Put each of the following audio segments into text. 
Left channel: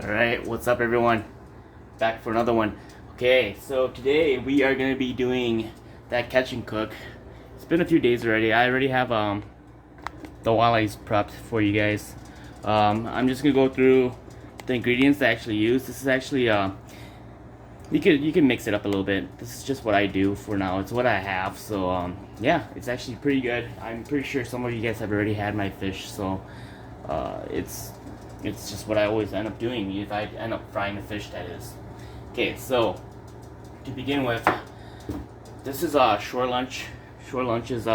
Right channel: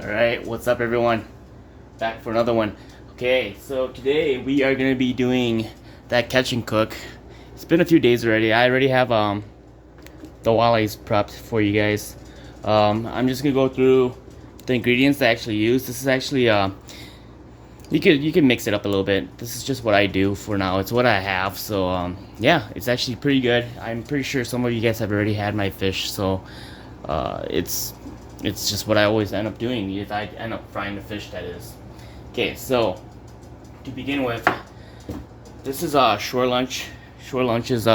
Alright, what's up everyone? Back for another one. Okay, so today we are going to be doing that catch and cook. It's been a few days already. I already have the walleyes prepped for you guys. I'm just going to go through the ingredients I actually use. This is actually you can mix it up a little bit. This is just what I do for now. It's what I have. So yeah, it's actually pretty good. I'm pretty sure some of you guys have already had my fish, so it's just what I always end up doing if I end up frying the fish, that is. Okay, so to begin with, this is Shore Lunch. Shore Lunch's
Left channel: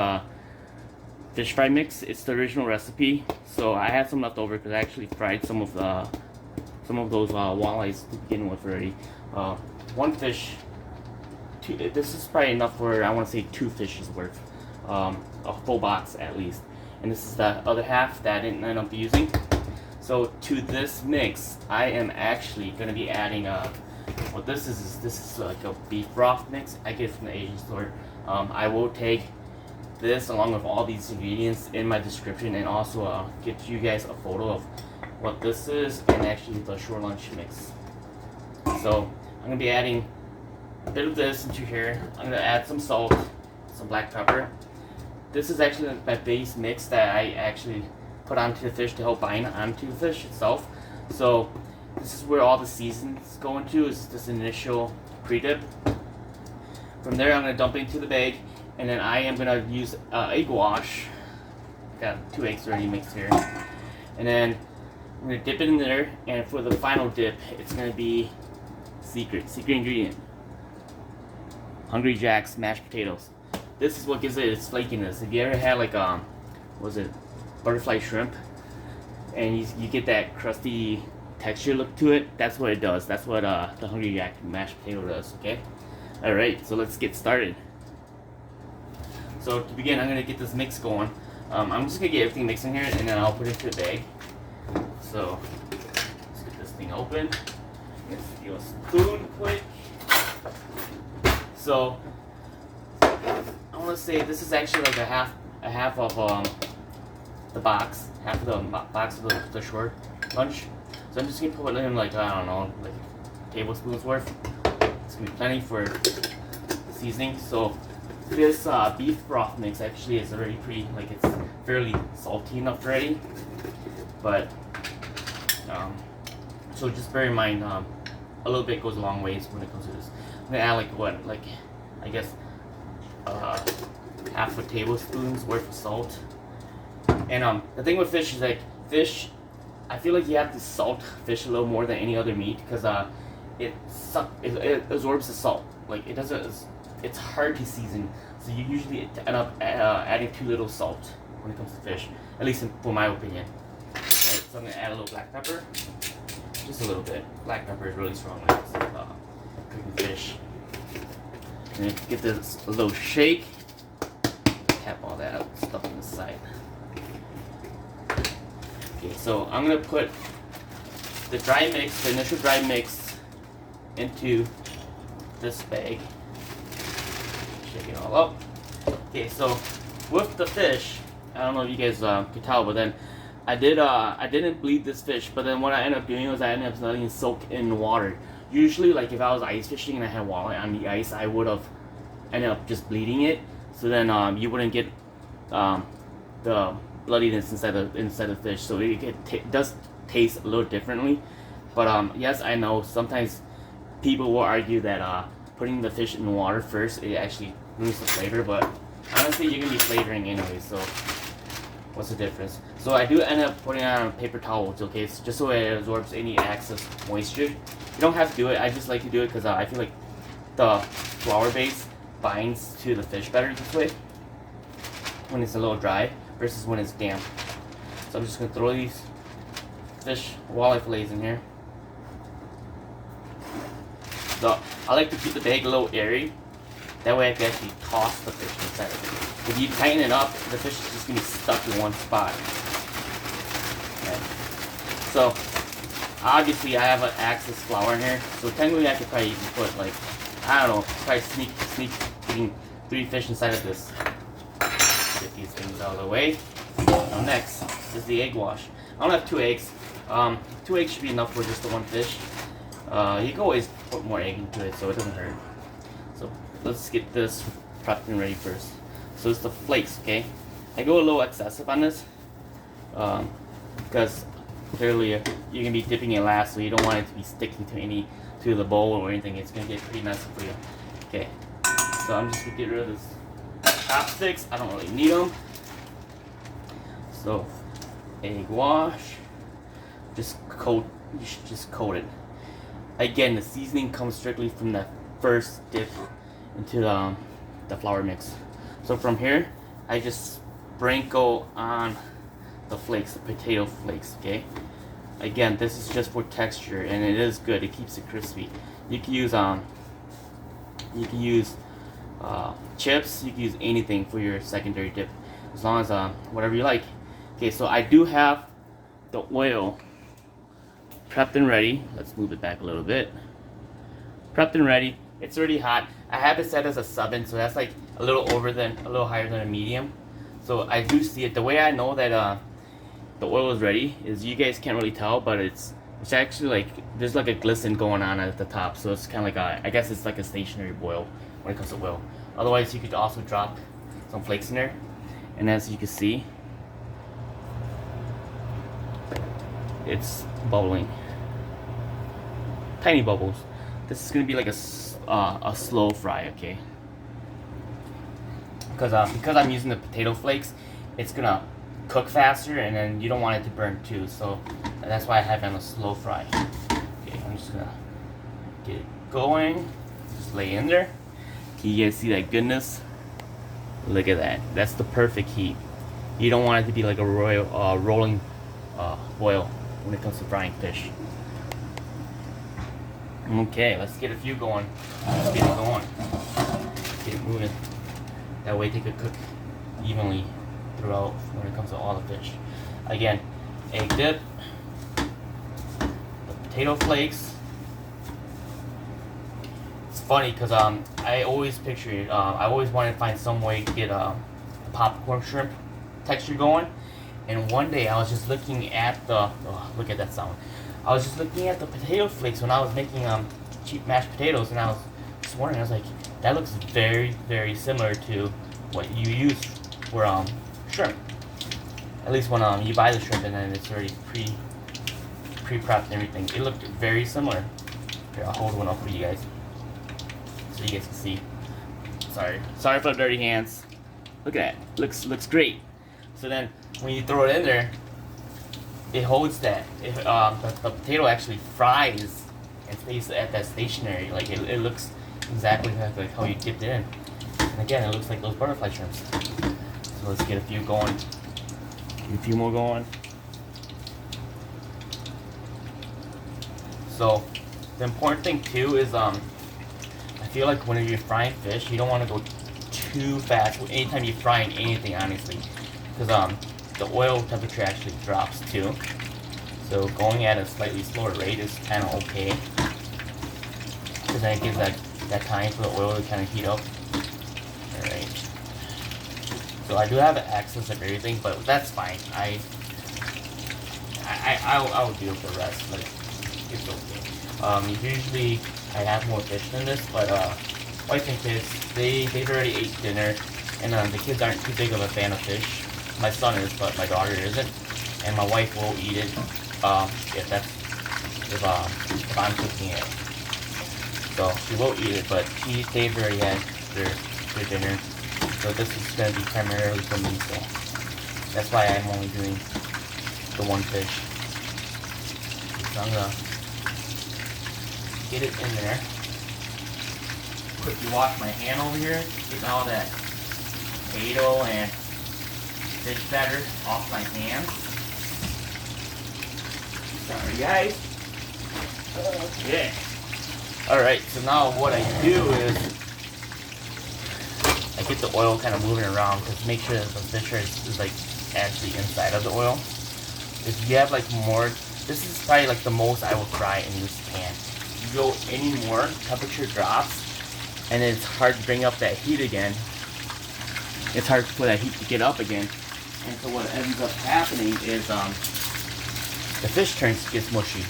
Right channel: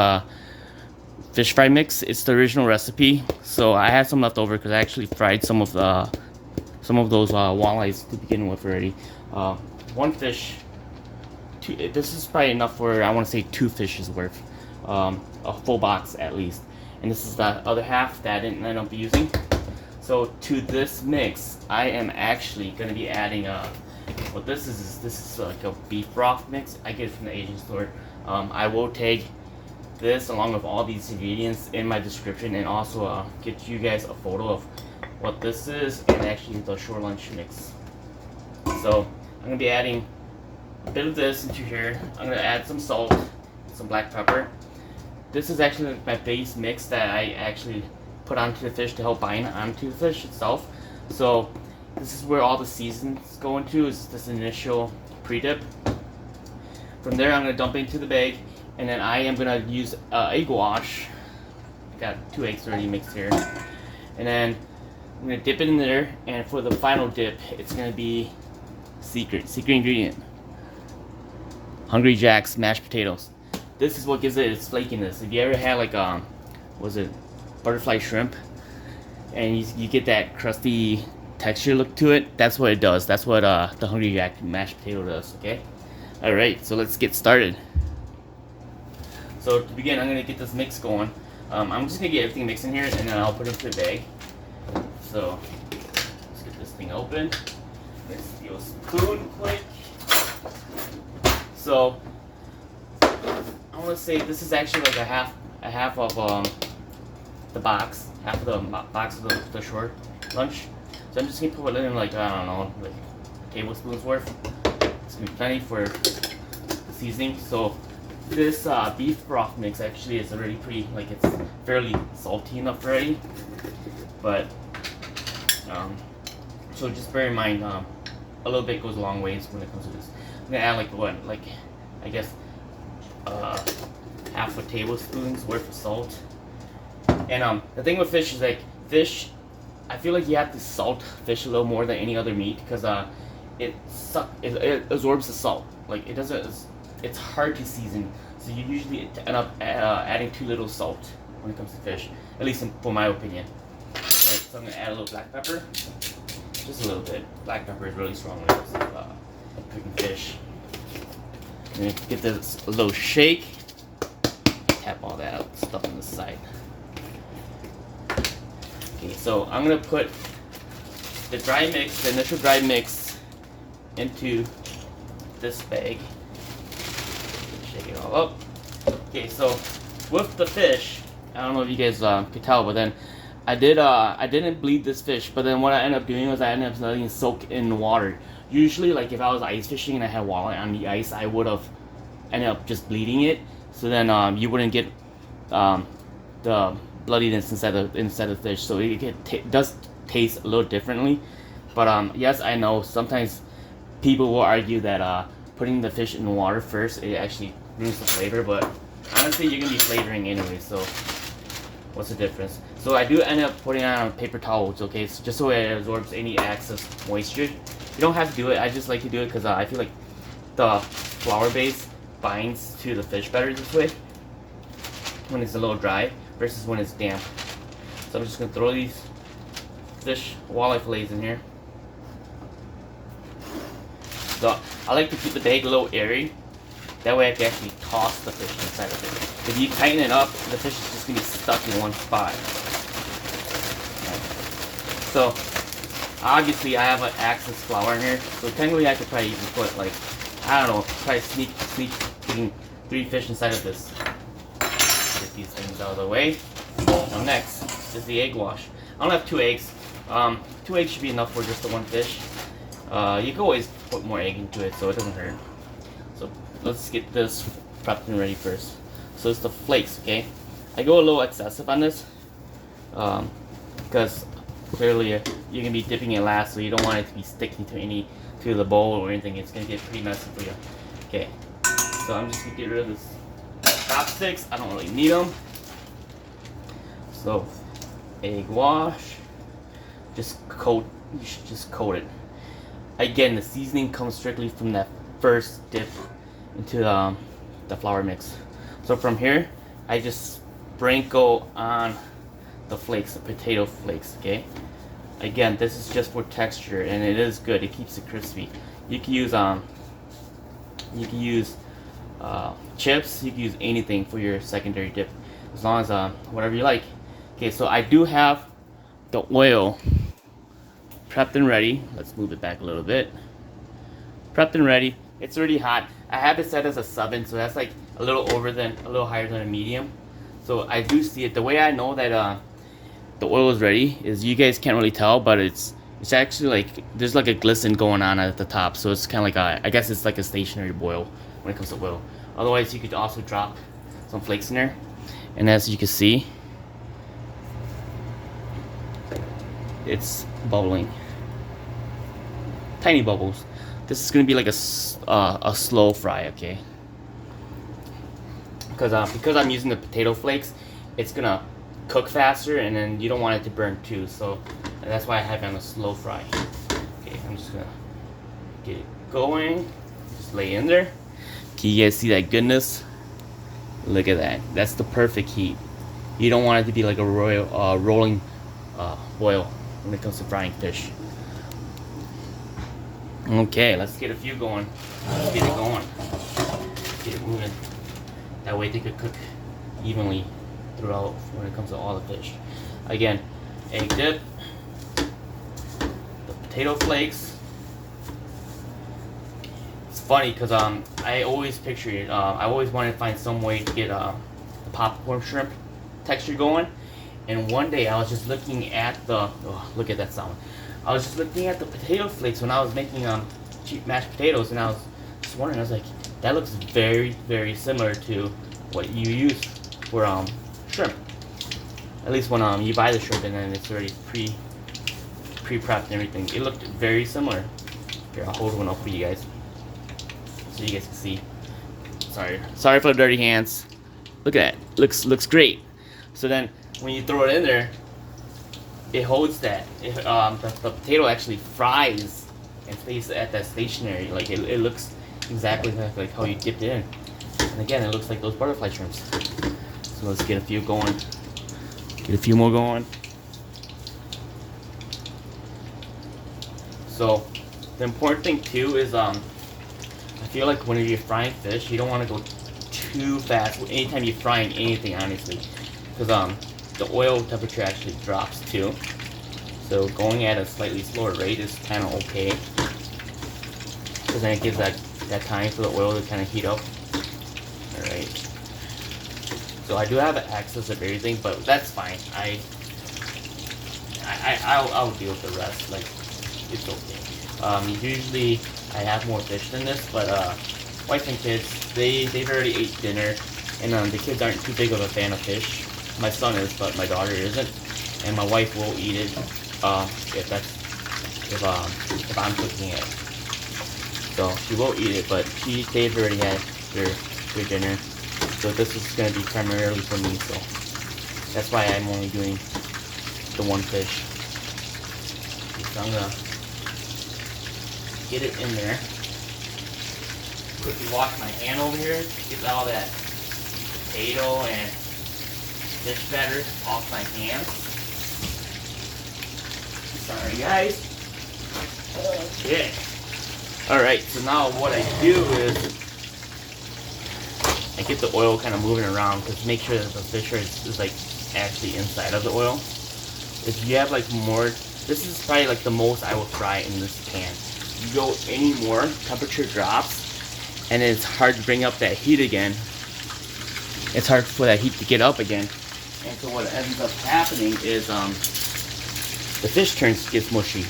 fish fry mix. It's the original recipe. So I had some left over because I actually fried some of those walleyes to begin with already. One fish. This is probably enough for, I want to say, 2 fishes worth. A full box at least. And this is the other half that I didn't end up using. So to this mix, I am actually going to be adding what this is like a beef broth mix. I get it from the Asian store. I will take this along with all these ingredients in my description, and also get you guys a photo of what this is and actually the Shore Lunch mix. So I'm going to be adding a bit of this into here. I'm going to add some salt, some black pepper. This is actually my base mix that I actually put onto the fish to help bind onto the fish itself. So this is where all the seasons go into, is this initial pre-dip. From there I'm going to dump it into the bag, and then I am going to use egg wash. Got 2 eggs already mixed here. And then I'm going to dip it in there, and for the final dip it's going to be secret ingredient. Hungry Jack's mashed potatoes. This is what gives it its flakiness. If you ever had like was it butterfly shrimp, and you get that crusty texture look to it, that's what it does. That's what the Hungry Jack mashed potato does. Okay, all right, so let's get started. So to begin, I'm gonna get this mix going. I'm just gonna get everything mixed in here, and then I'll put it into a bag. So let's get this thing open. Let's steal a spoon quick. So I want to say this is actually like a half of the box, half of the box of the Shore Lunch. So I'm just gonna put it in like, I don't know, like a tablespoon's worth. It's gonna be plenty for the seasoning. So this beef broth mix actually is already pretty, like, it's fairly salty enough already. But so just bear in mind, a little bit goes a long ways when it comes to this. I'm gonna add like what, like, I guess half a tablespoon's worth of salt. And the thing with fish is, like, fish, I feel like you have to salt fish a little more than any other meat, because it absorbs the salt. Like, it doesn't, it's hard to season, so you usually end up adding too little salt when it comes to fish, at least for my opinion. Right, so I'm gonna add a little black pepper, just a little bit. Black pepper is really strong when it comes to cooking fish. And then give this a little shake. Tap all that stuff on the side. Okay, so I'm gonna put the dry mix, the initial dry mix, into this bag. Shake it all up. Okay, so with the fish, I don't know if you guys could tell, but then I didn't bleed this fish. But then what I ended up doing was I ended up letting it soak in the water. Usually, like, if I was ice fishing and I had walleye on the ice, I would have ended up just bleeding it. So then you wouldn't get the bloodiness inside the fish. So it does taste a little differently. But yes, I know sometimes people will argue that putting the fish in the water first, it actually ruins the flavor. But honestly, you're gonna be flavoring anyway. So what's the difference? So I do end up putting it on paper towels, okay? So just so it absorbs any excess moisture. You don't have to do it. I just like to do it because I feel like the flour base binds to the fish better this way when it's a little dry versus when it's damp. So I'm just gonna throw these fish walleye fillets in here. So I like to keep the bag a little airy. That way I can actually toss the fish inside of it. If you tighten it up, the fish is just gonna be stuck in one spot. Okay. So obviously I have an excess flour in here, so technically I could probably even put, like, I don't know, try sneaking 3 fish inside of this. Get these things out of the way. Now next is the egg wash. I only have 2 eggs. 2 eggs should be enough for just the one fish. You can always put more egg into it, so it doesn't hurt. So let's get this prepped and ready first. So it's the flakes, okay? I go a little excessive on this, because clearly you're gonna be dipping it last, so you don't want it to be sticking to the bowl or anything. It's gonna get pretty messy for you. Okay, so I'm just gonna get rid of this chopsticks. I don't really need them. So egg wash, just coat. You should just coat it. Again, the seasoning comes strictly from that first dip into the flour mix. So from here, I just sprinkle on the flakes, the potato flakes, okay? Again, this is just for texture, and it is good. It keeps it crispy. You can use chips. You can use anything for your secondary dip, as long as whatever you like. Okay, so I do have the oil prepped and ready. Let's move it back a little bit. Prepped and ready. It's already hot. I have it set as a 7, so that's like a little higher than a medium. So I do see it. The way I know that the oil is ready is, you guys can't really tell, but it's actually like there's like a glisten going on at the top. So it's kind of like I guess it's like a stationary boil when it comes to oil. Otherwise, you could also drop some flakes in there, and as you can see, it's bubbling. Tiny bubbles. This is gonna be like a slow fry, okay? Because I'm using the potato flakes, it's gonna cook faster, and then you don't want it to burn too. So, and that's why I have it on a slow fry. Okay, I'm just gonna get it going. Just lay in there. Can you guys see that goodness? Look at that. That's the perfect heat. You don't want it to be like a rolling boil when it comes to frying fish. Okay, let's get a few going. Let's get it going. Get it moving. That way they could cook evenly throughout when it comes to all the fish. Again, egg dip, the potato flakes. It's funny because I always picture it. I always wanted to find some way to get the popcorn shrimp texture going. And one day I was just looking at the look at that sound. I was just looking at the potato flakes when I was making cheap mashed potatoes, and I was just wondering. I was like, that looks very, very similar to what you use for shrimp. At least when you buy the shrimp and then it's already pre-prepped and everything. It looked very similar. Here, I'll hold one up for you guys so you guys can see. Sorry for the dirty hands. Look at that. Looks great. So then when you throw it in there, it holds that. The potato actually fries and stays at that stationary. Like it looks exactly like how you dipped it in. And again, it looks like those butterfly shrimps. So let's get a few going. Get a few more going. So the important thing too is I feel like when you're frying fish, you don't want to go too fast anytime you're frying anything, honestly, because the oil temperature actually drops too. So going at a slightly slower rate is kind of okay, because then it gives that time for the oil to kind of heat up. All right. So I do have access of everything, but that's fine. I'll deal with the rest. Like, it's okay. Usually I have more fish than this, but wife and kids, they've already ate dinner, and the kids aren't too big of a fan of fish. My son is, but my daughter isn't, and my wife will eat it if I'm cooking it. So she will eat it, but they've already had their dinner. So this is going to be primarily for me, so that's why I'm only doing the one fish. So I'm going to get it in there. Quickly wash my hand over here, get all that potato and fish batter off my hands. Sorry guys. Okay. Alright, so now what I do is I get the oil kind of moving around to make sure that the fish is like actually inside of the oil. If you have like more, this is probably like the most I will fry in this pan. If you go any more, temperature drops, and it's hard to bring up that heat again. It's hard for that heat to get up again. And so what ends up happening is the fish gets mushy.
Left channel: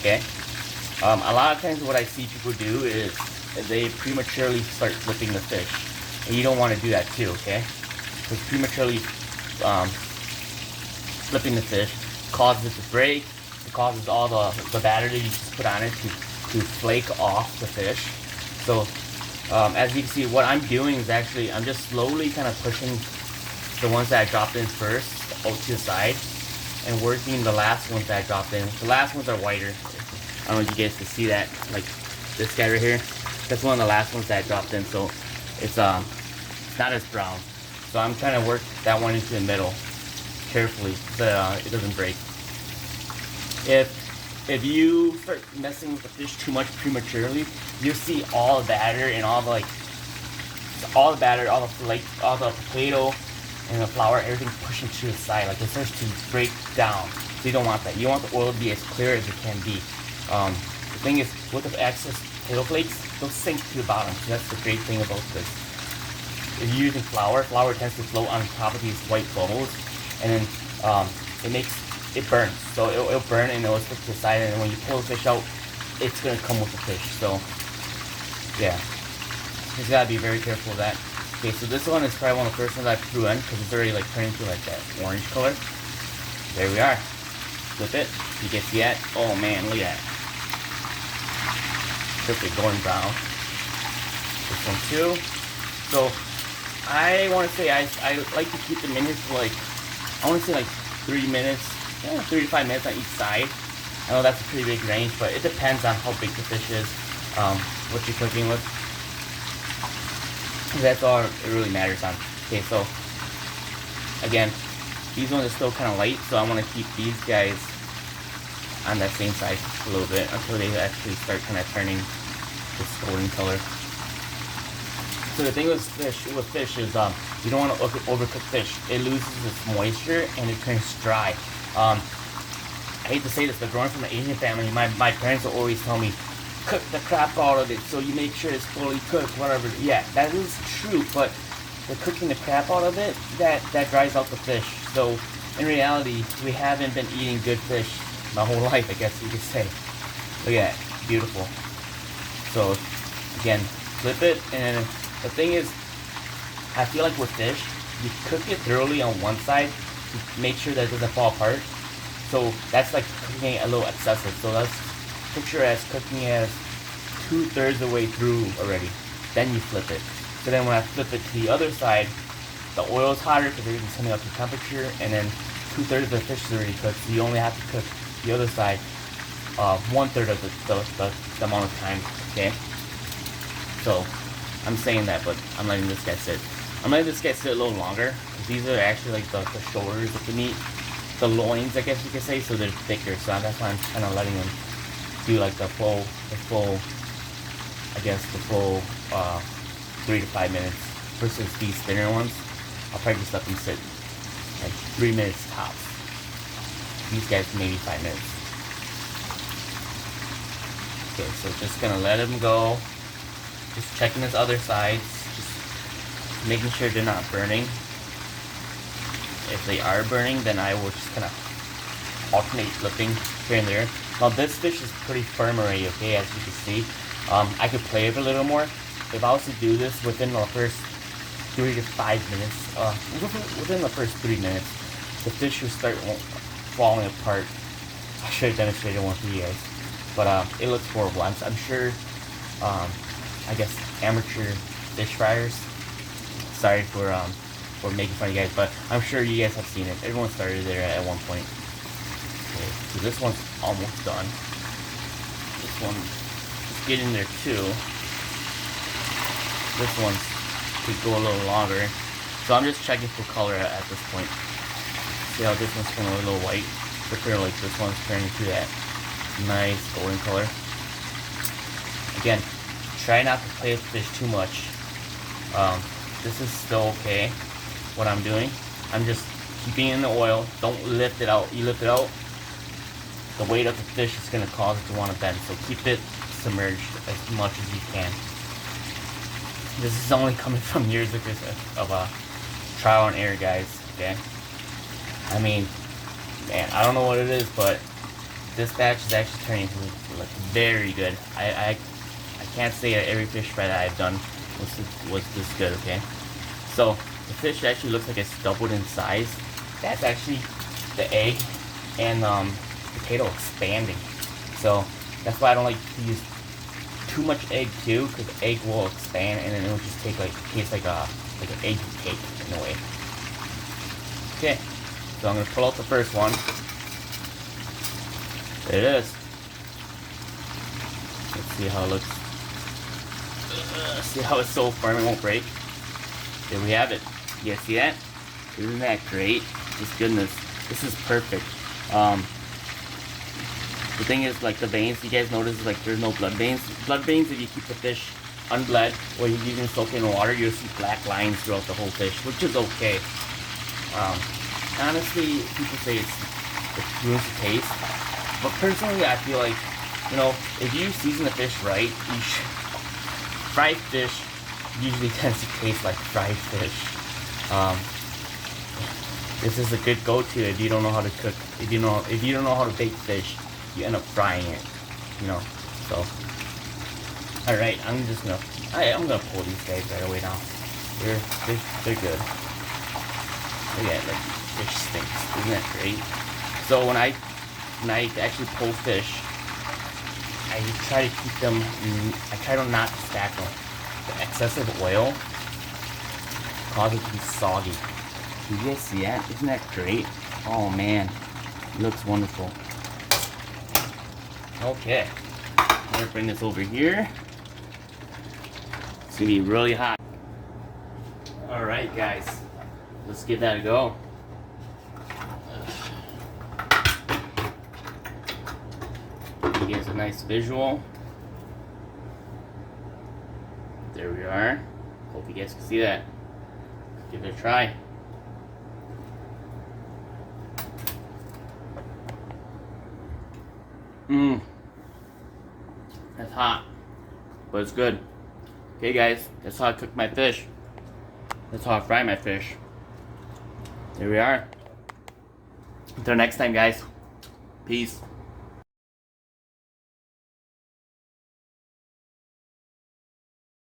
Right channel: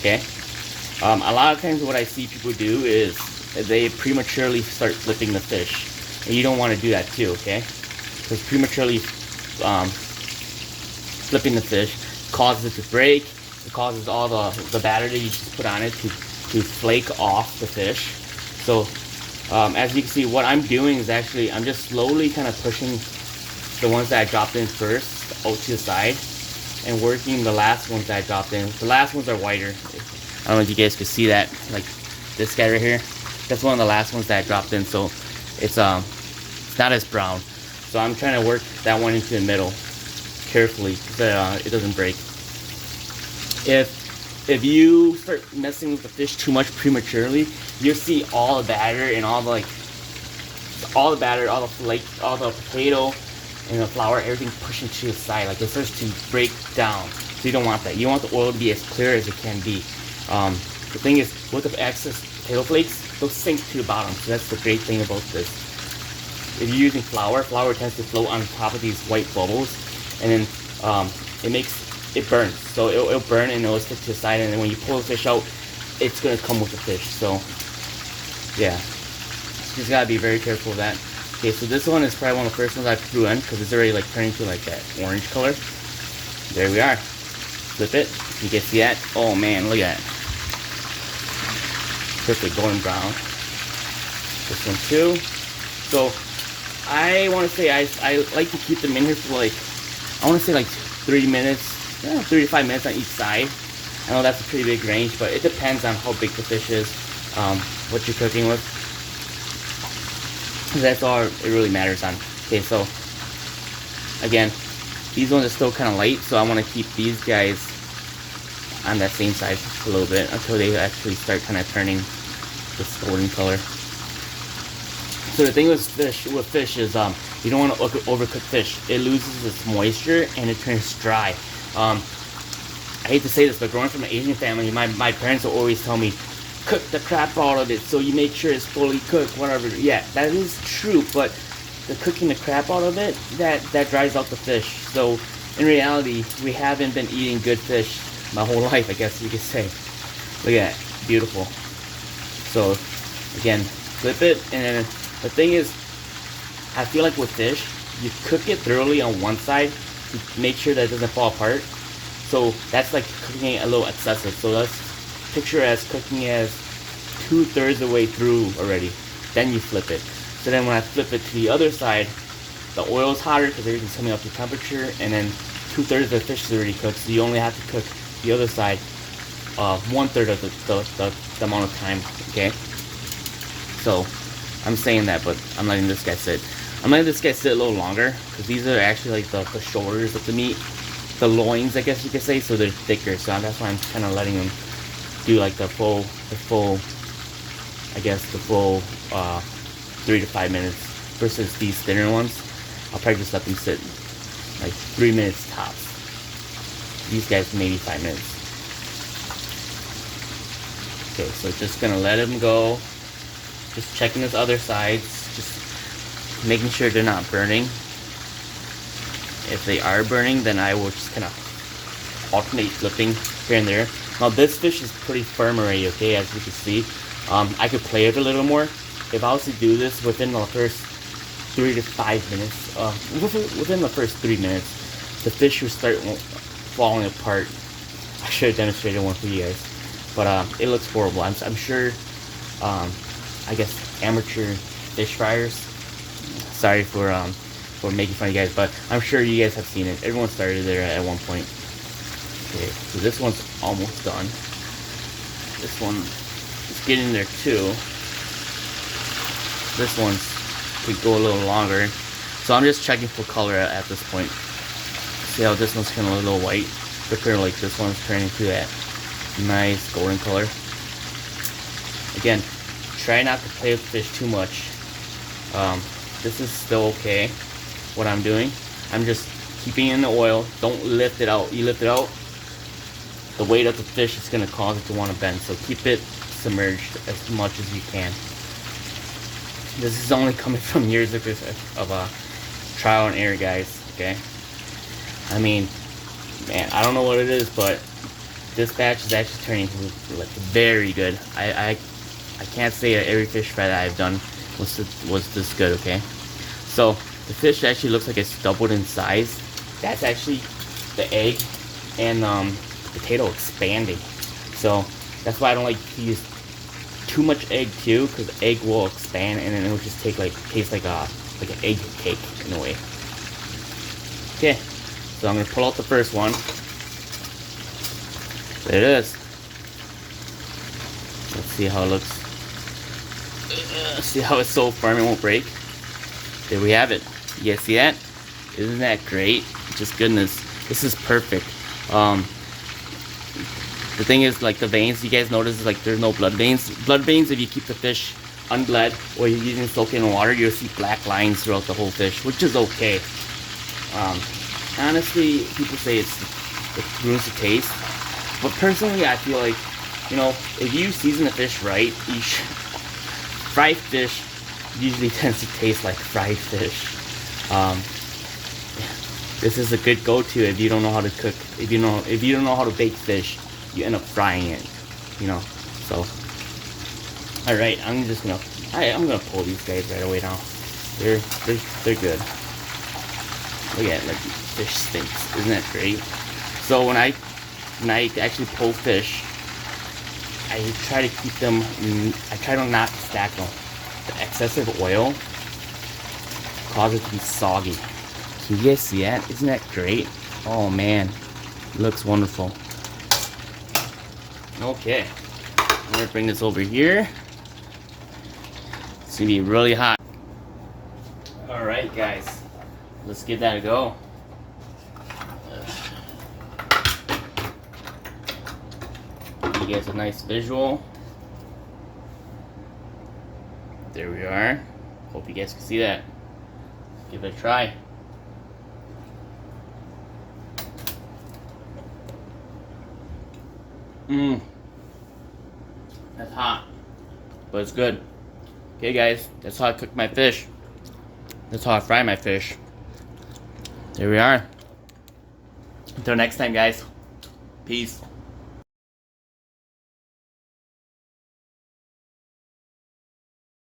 Okay. A lot of times what I see people do is they prematurely start flipping the fish, and you don't want to do that too. Okay, because prematurely flipping the fish causes it to break. It causes all the batter that you just put on it to flake off the fish. So as you can see, what I'm doing is actually I'm just slowly kind of pushing the ones that I dropped in first out to the side and working the last ones that I dropped in. The last ones are whiter. I don't know if you guys can see that, like this guy right here. That's one of the last ones that I dropped in, so it's not as brown. So I'm trying to work that one into the middle carefully so that it doesn't break. If you start messing with the fish too much prematurely, you'll see all the batter and all the batter, all the flake, all the potato and the flour, everything pushing to the side. Like it starts to break down. So you don't want that. You want the oil to be as clear as it can be. The thing is, with the excess potato flakes, they'll sink to the bottom. So that's the great thing about this. If you're using flour tends to float on top of these white bubbles, and then it burns. So it'll burn and it'll stick to the side, and then when you pull the fish out, it's gonna come with the fish. So yeah, you just gotta be very careful of that. Okay, so this one is probably one of the first ones I threw in because it's already like turning to like that orange color. There we are. Flip it. You can see that. Oh man, look at that. Perfect golden brown. This one too. So I want to say I like to keep them in here for like, I want to say like 3 minutes, 3 to 5 minutes on each side. I know that's a pretty big range, but it depends on how big the fish is, what you're cooking with. That's all it really matters on. Okay, so again, these ones are still kind of light, so I want to keep these guys on that same side a little bit until they actually start kind of turning this golden color. So the thing with fish is you don't want to overcook fish. It loses its moisture and it turns dry. I hate to say this, but growing from an Asian family, my parents will always tell me, cook the crap out of it so you make sure it's fully cooked, whatever. Yeah, that is true, but the cooking the crap out of it, that dries out the fish. So in reality, we haven't been eating good fish my whole life, I guess you could say. Look at that, beautiful. So again, flip it, and the thing is, I feel like with fish, you cook it thoroughly on one side to make sure that it doesn't fall apart. So that's like cooking it a little excessive. So let's picture as cooking as 2/3 the way through already. Then you flip it. So then when I flip it to the other side, the oil is hotter because everything's coming up to temperature, and then 2/3 of the fish is already cooked. So you only have to cook the other side 1/3 of the amount of time. Okay. So I'm saying that, but I'm letting this guy sit. I'm letting this guy sit a little longer because these are actually like the shoulders of the meat, the loins, I guess you could say. So they're thicker. So that's why I'm kind of letting them do like the full, I guess the full 3 to 5 minutes versus these thinner ones. I'll probably just let them sit like 3 minutes tops. These guys maybe 5 minutes. Okay, so just gonna let them go. Just checking this other sides, just making sure they're not burning. If they are burning, then I will just kind of alternate flipping here and there. Now this fish is pretty firm already, okay, as you can see. I could play with it a little more. If I was to do this within the first 3 to 5 minutes, within the first 3 minutes, the fish will start falling apart. I should have demonstrated one for you guys, but it looks horrible. I'm sure, I guess amateur fish fryers. Sorry for making fun of you guys, but I'm sure you guys have seen it. Everyone started there at one point. Okay, so this one's almost done. This one is getting there too. This one's could go a little longer. So I'm just checking for color at this point. See how this one's kind of a little white, but like this one's turning to that nice golden color. Again, try not to play with fish too much. This is still okay, what I'm doing. I'm just keeping it in the oil. Don't lift it out. You lift it out, the weight of the fish is going to cause it to want to bend. So keep it submerged as much as you can. This is only coming from years of trial and error, guys. Okay. I mean, Man, I don't know what it is, but this batch is actually turning like very good. I can't say that every fish fry that I've done was this good. Okay, so the fish actually looks like it's doubled in size. That's actually the egg and potato expanding. So that's why I don't like to use too much egg too, because egg will expand and then it will just taste like an egg cake in a way. Okay, so I'm gonna pull out the first one. There it is. Let's see how it looks. See how it's so firm it won't break. There we have it. You guys see that? Isn't that great? Just goodness. This is perfect. The thing is, like the veins, you guys notice like there's no blood veins. Blood veins, if you keep the fish unbled or you didn't soak it in water, you'll see black lines throughout the whole fish, which is okay. Honestly, people say it ruins the taste, but personally, I feel like, you know, if you season the fish right, fried fish usually tends to taste like fried fish. This is a good go-to if you don't know how to cook. If you don't know how to bake fish, you end up frying it. You know. So, all right, I'm gonna pull these guys right away now. They're good. Look at it, like fish stinks. Isn't that great? So when I actually pull fish, I try to keep them. I try to not stack them. The excessive oil causes it to be soggy. So you guys see that? Isn't that great? Oh man, it looks wonderful. Okay, I'm gonna bring this over here. It's gonna be really hot. All right, guys, let's give that a go. Give you guys a nice visual. There we are. Hope you guys can see that. Give it a try. That's hot, but it's good. Okay guys, that's how I cook my fish. That's how I fry my fish. There we are. Until next time guys, peace.